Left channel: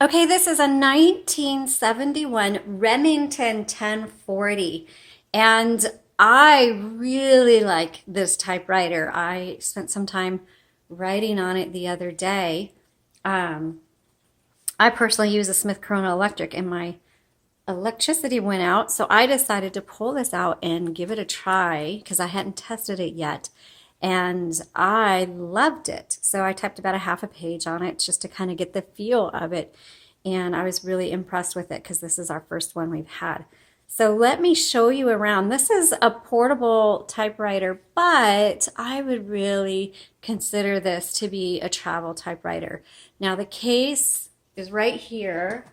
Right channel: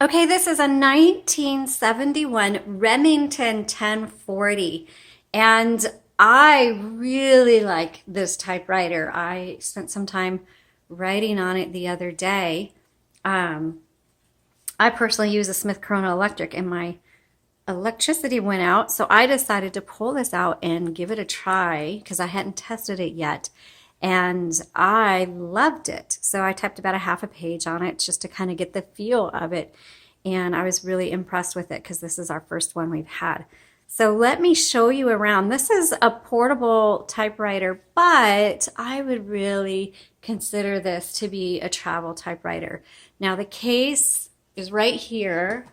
Okay, this is a 1971 Remington 1040, and I really like this typewriter. I spent some time writing on it the other day. Um, I personally use a Smith Corona Electric, and my electricity went out, so I decided to pull this out and give it a try because I hadn't tested it yet. And I loved it. So I typed about a half a page on it just to kind of get the feel of it. And I was really impressed with it because this is our first one we've had. So let me show you around. This is a portable typewriter, but I would really consider this to be a travel typewriter. Now the case is right here.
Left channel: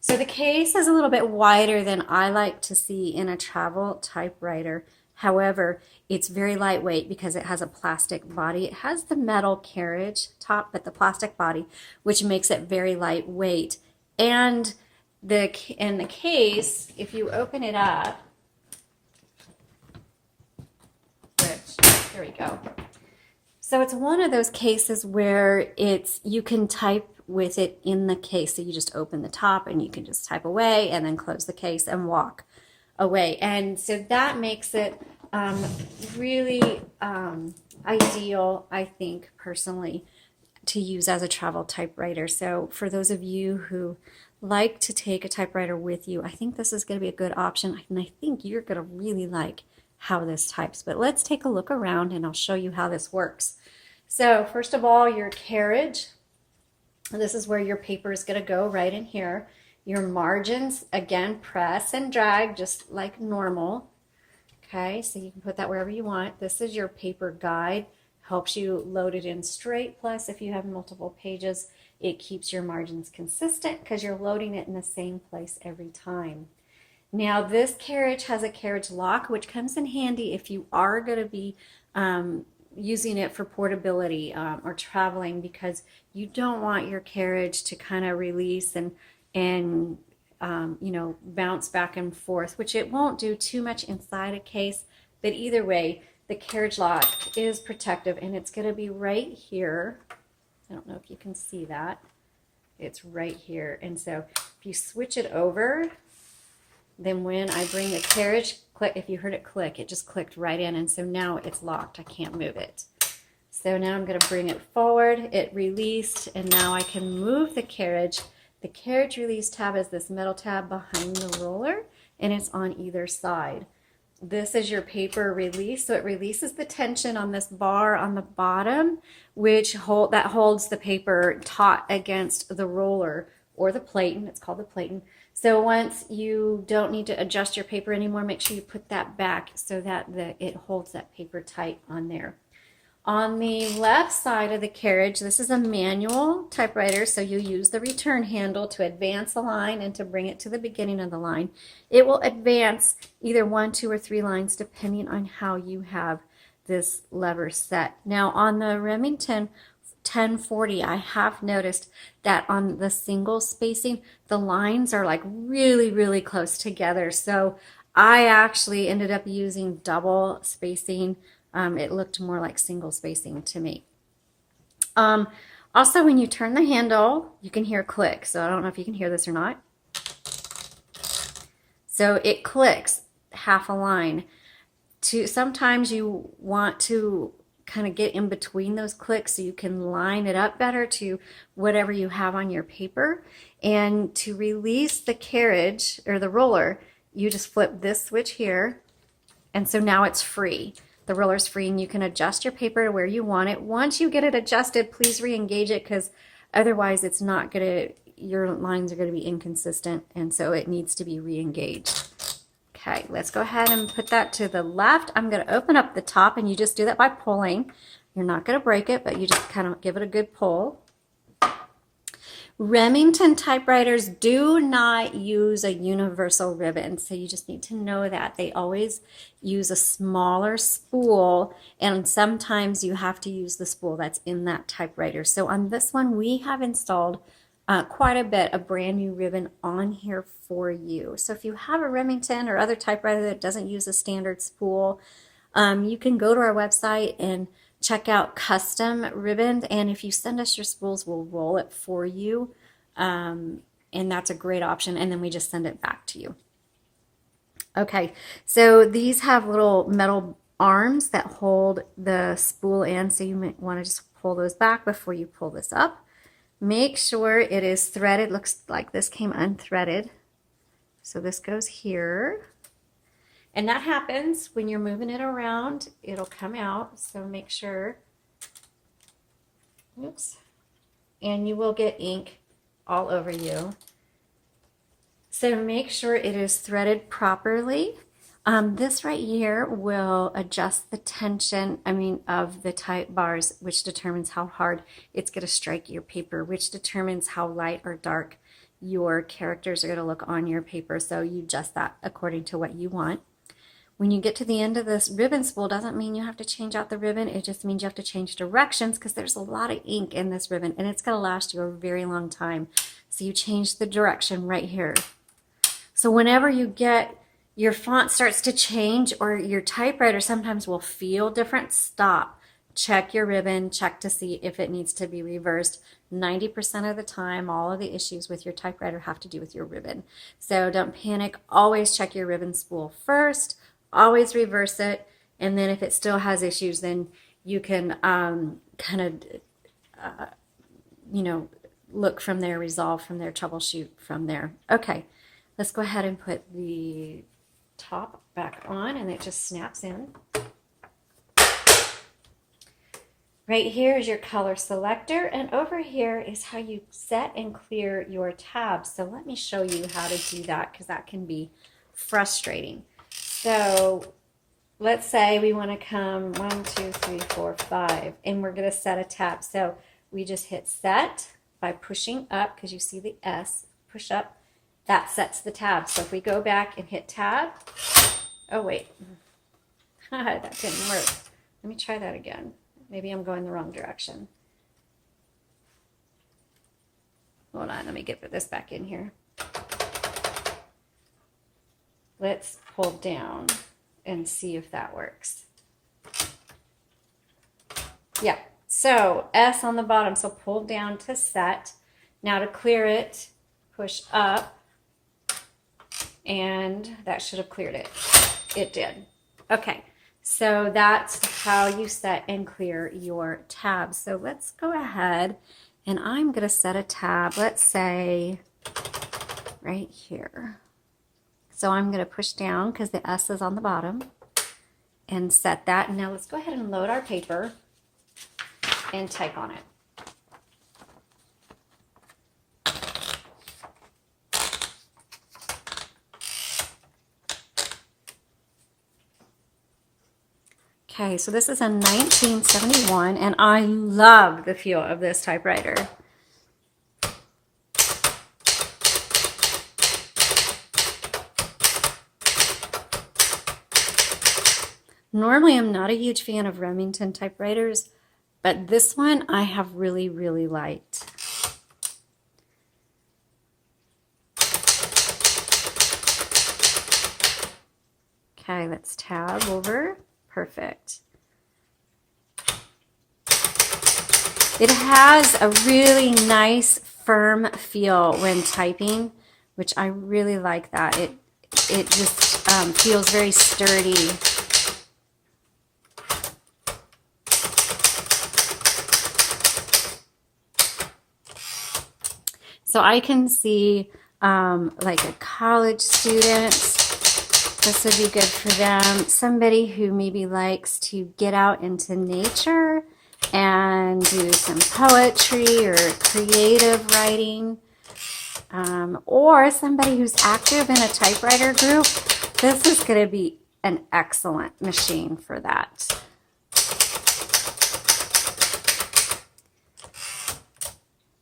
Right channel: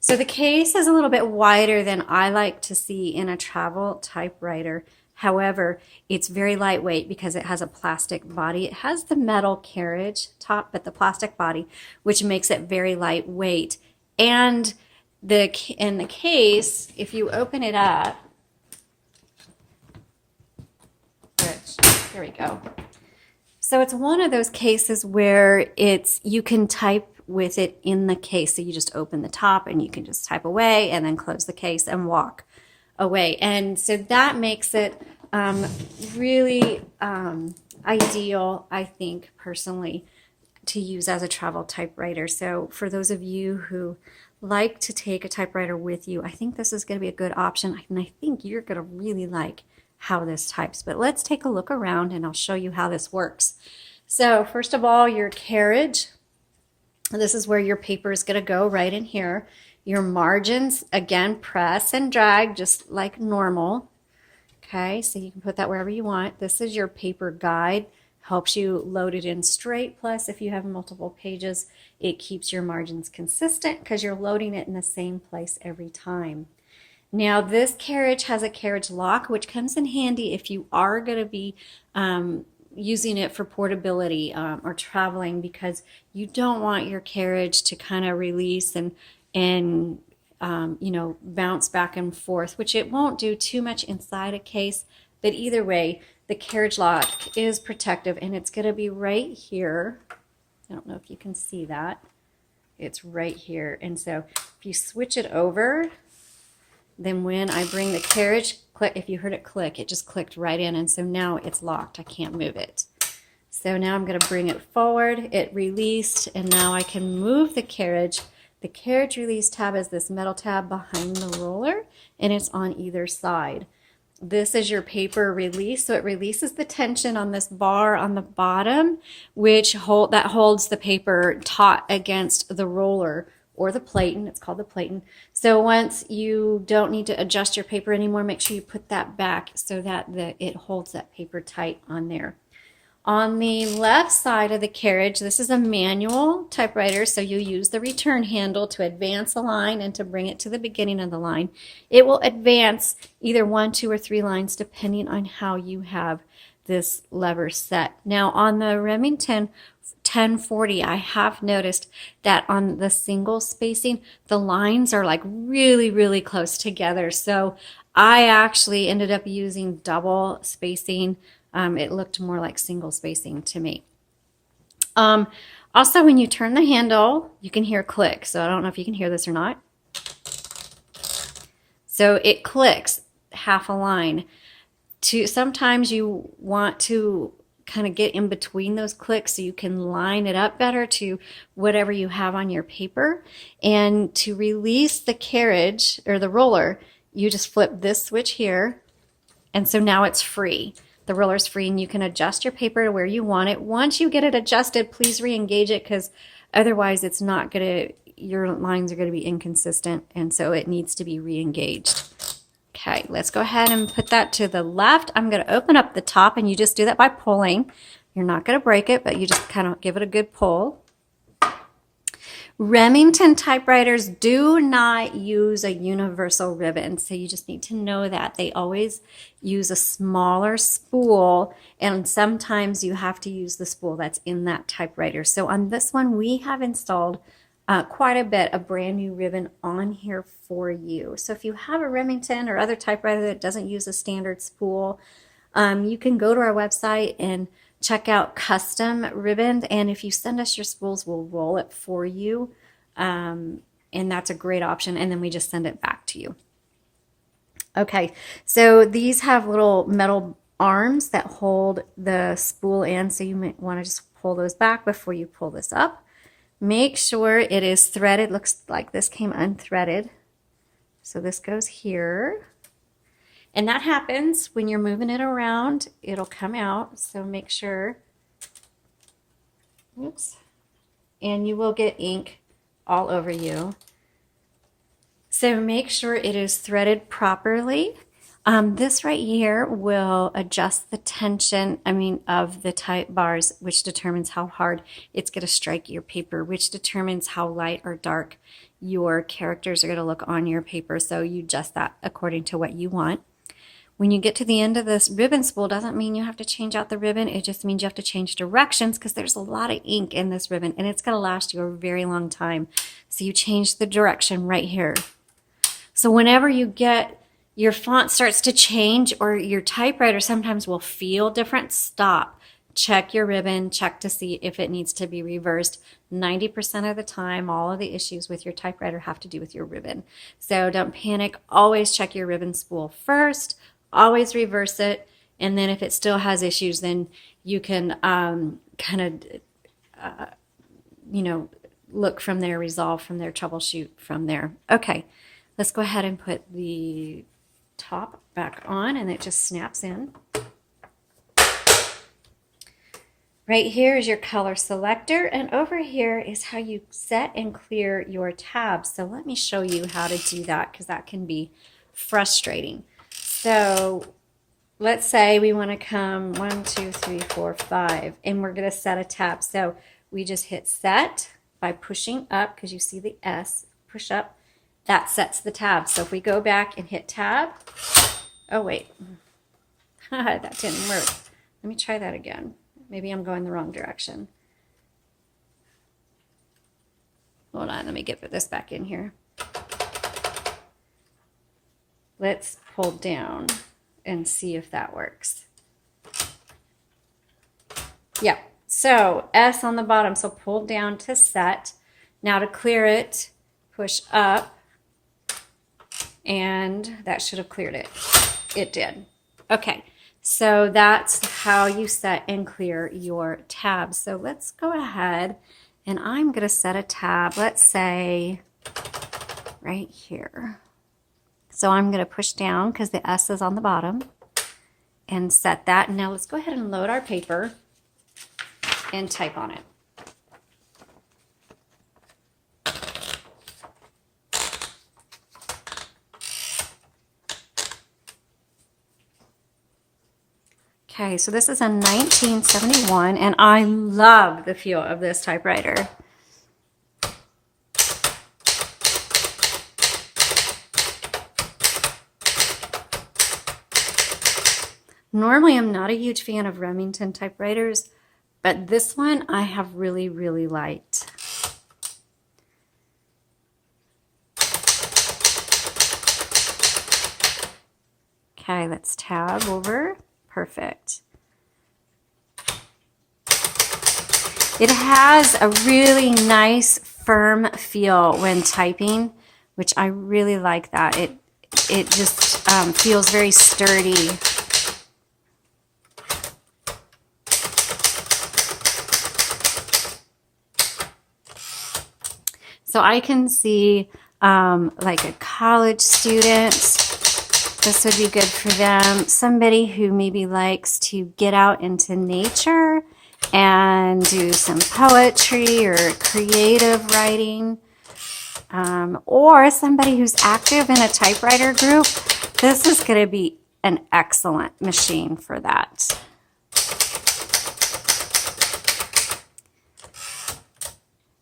So the case is a little bit wider than I like to see in a travel typewriter. However, it's very lightweight because it has a plastic body. It has the metal carriage top, but the plastic body, which makes it very lightweight. And in the case, if you open it up, there we go. So it's one of those cases where you can type with it in the case. So you just open the top and you can just type away and then close the case and walk away. And so that makes it really ideal, I think, personally, to use as a travel typewriter. So for those of you who like to take a typewriter with you, I think this is going to be a good option. And I think you're going to really like how this types. But let's take a look around and I'll show you how this works. So first of all, your carriage. This is where your paper is going to go, right in here. Your margins, again, press and drag just like normal. Okay, so you can put that wherever you want. This is your paper guide. Helps you load it in straight. Plus, if you have multiple pages, it keeps your margins consistent because you're loading it in the same place every time. Now, this carriage has a carriage lock, which comes in handy if you are going to be using it for portability or traveling, because you don't want your carriage to kind of release and bounce back and forth, which it won't do too much inside a case. But either way, the carriage lock is protective, and it's going to be right here. I don't know if you can see that. It's right here. And so if you switch it over, then when I bring the carriage, click, if you heard it click, it just clicked right in. And so now it's locked. I can't move it. So now I'm going to bring it forward. It released, and now I can move the carriage. The carriage release tab is this metal tab behind the roller, and it's on either side. This is your paper release, so it releases the tension on this bar on the bottom, which holds the paper taut against the roller or the platen. It's called the platen. So once you don't need to adjust your paper anymore, make sure you put that back so that it holds that paper tight on there. On the left side of the carriage, this is a manual typewriter, so you use the return handle to advance a line and to bring it to the beginning of the line. It will advance either 1, 2, or 3 lines depending on how you have this lever set. Now on the Remington 1040, I have noticed that on the single spacing, the lines are like really, really close together. So I actually ended up using double spacing. It looked more like single spacing to me. Also, when you turn the handle, you can hear click. So I don't know if you can hear this or not. So it clicks half a line. Sometimes you want to kind of get in between those clicks so you can line it up better to whatever you have on your paper. And to release the carriage or the roller, you just flip this switch here. And so now it's free. The roller's free, and you can adjust your paper to where you want it. Once you get it adjusted, please re-engage it, because otherwise it's not going to, your lines are going to be inconsistent, and so it needs to be re-engaged. Okay, let's go ahead and put that to the left. I'm going to open up the top, and you just do that by pulling. You're not going to break it, but you just kind of give it a good pull. Remington typewriters do not use a universal ribbon, so you just need to know that. They always use a smaller spool, and sometimes you have to use the spool that's in that typewriter. So on this one, we have installed quite a bit of brand new ribbon on here for you. So if you have a Remington or other typewriter that doesn't use a standard spool, you can go to our website and check out custom ribbon, and if you send us your spools, we'll roll it for you. And that's a great option. And then we just send it back to you. Okay, so these have little metal arms that hold the spool in, so you might want to just pull those back before you pull this up. Make sure it is threaded. Looks like this came unthreaded. So this goes here. And that happens when you're moving it around. It'll come out, so make sure. Oops. And you will get ink all over you. So make sure it is threaded properly. This right here will adjust the tension, of the type bars, which determines how hard it's going to strike your paper, which determines how light or dark your characters are going to look on your paper. So you adjust that according to what you want. When you get to the end of this ribbon spool, doesn't mean you have to change out the ribbon. It just means you have to change directions because there's a lot of ink in this ribbon and it's going to last you a very long time. So you change the direction right here. So whenever you get your font starts to change or your typewriter sometimes will feel different, stop. Check your ribbon, check to see if it needs to be reversed. 90% of the time, all of the issues with your typewriter have to do with your ribbon. So don't panic. Always check your ribbon spool first. Always reverse it. And then if it still has issues, then you can look from there, resolve from there, troubleshoot from there. Okay, let's go ahead and put the top back on and it just snaps in. Right here is your color selector, and over here is how you set and clear your tabs. So let me show you how to do that because that can be frustrating. So let's say we want to come 1, 2, 3, 4, 5, and we're going to set a tab. So we just hit set by pushing up because you see the S, push up. That sets the tab. So if we go back and hit tab, oh wait, that didn't work. Let me try that again. Maybe I'm going the wrong direction. Hold on, let me get this back in here. Let's pull down and see if that works. Yeah, so S on the bottom, so pull down to set. Now to clear it, push up. And that should have cleared it. It did. Okay, so that's how you set and clear your tabs. So let's go ahead and I'm going to set a tab, let's say right here. So I'm going to push down because the S is on the bottom and set that. Now let's go ahead and load our paper and type on it. Okay, so this is a 1971, and I love the feel of this typewriter. Normally, I'm not a huge fan of Remington typewriters, but this one I have really, really liked. Okay, let's tab over. Perfect. It has a really nice firm feel when typing, which I really like that. It just feels very sturdy. So I can see like a college student. This would be good for them. Somebody who maybe likes to get out into nature and do some poetry or creative writing. Or somebody who's active in a typewriter group. This is going to be an excellent machine for that.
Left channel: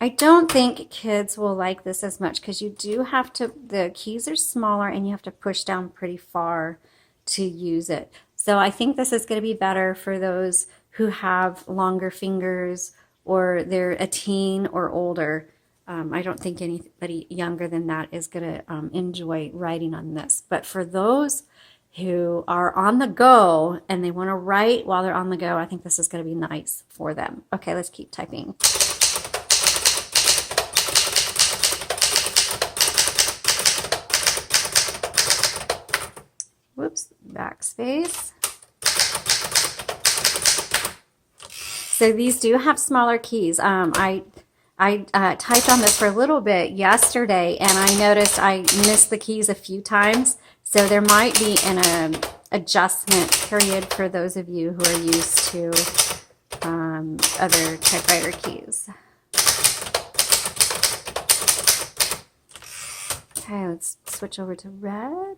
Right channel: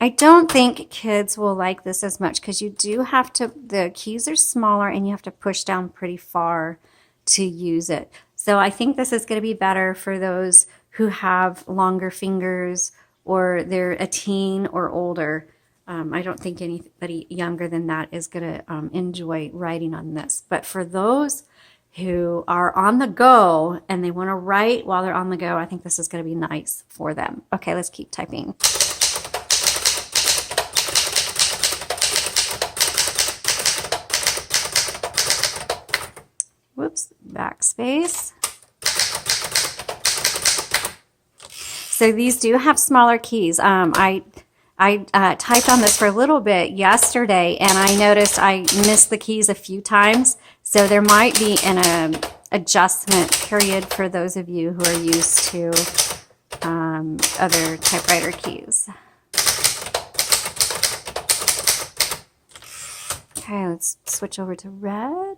I don't think kids will like this as much because you do have to, the keys are smaller and you have to push down pretty far to use it. So I think this is going to be better for those who have longer fingers or they're a teen or older. I don't think anybody younger than that is going to enjoy writing on this. But for those who are on the go and they want to write while they're on the go, I think this is going to be nice for them. Okay, let's keep typing. Backspace. So these do have smaller keys. I typed on this for a little bit yesterday, and I noticed I missed the keys a few times. So there might be an adjustment period for those of you who are used to other typewriter keys. Okay, let's switch over to red.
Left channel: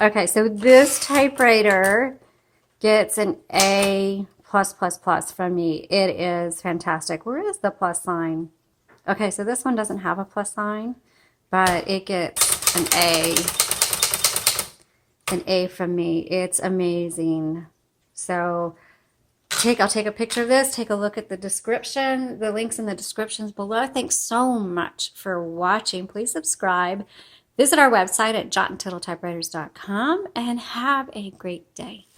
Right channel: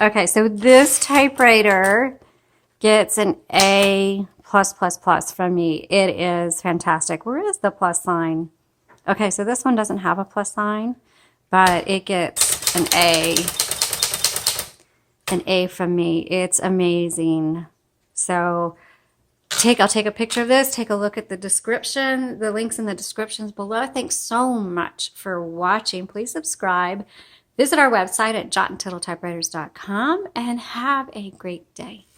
Okay, so this typewriter gets an A+++ from me. It is fantastic. Where is the plus sign? Okay, so this one doesn't have a plus sign, but it gets an A from me. It's amazing. So I'll take a picture of this, take a look at the description, the links in the descriptions below. Thanks so much for watching. Please subscribe. Visit our website at jottandtittletypewriters.com and have a great day.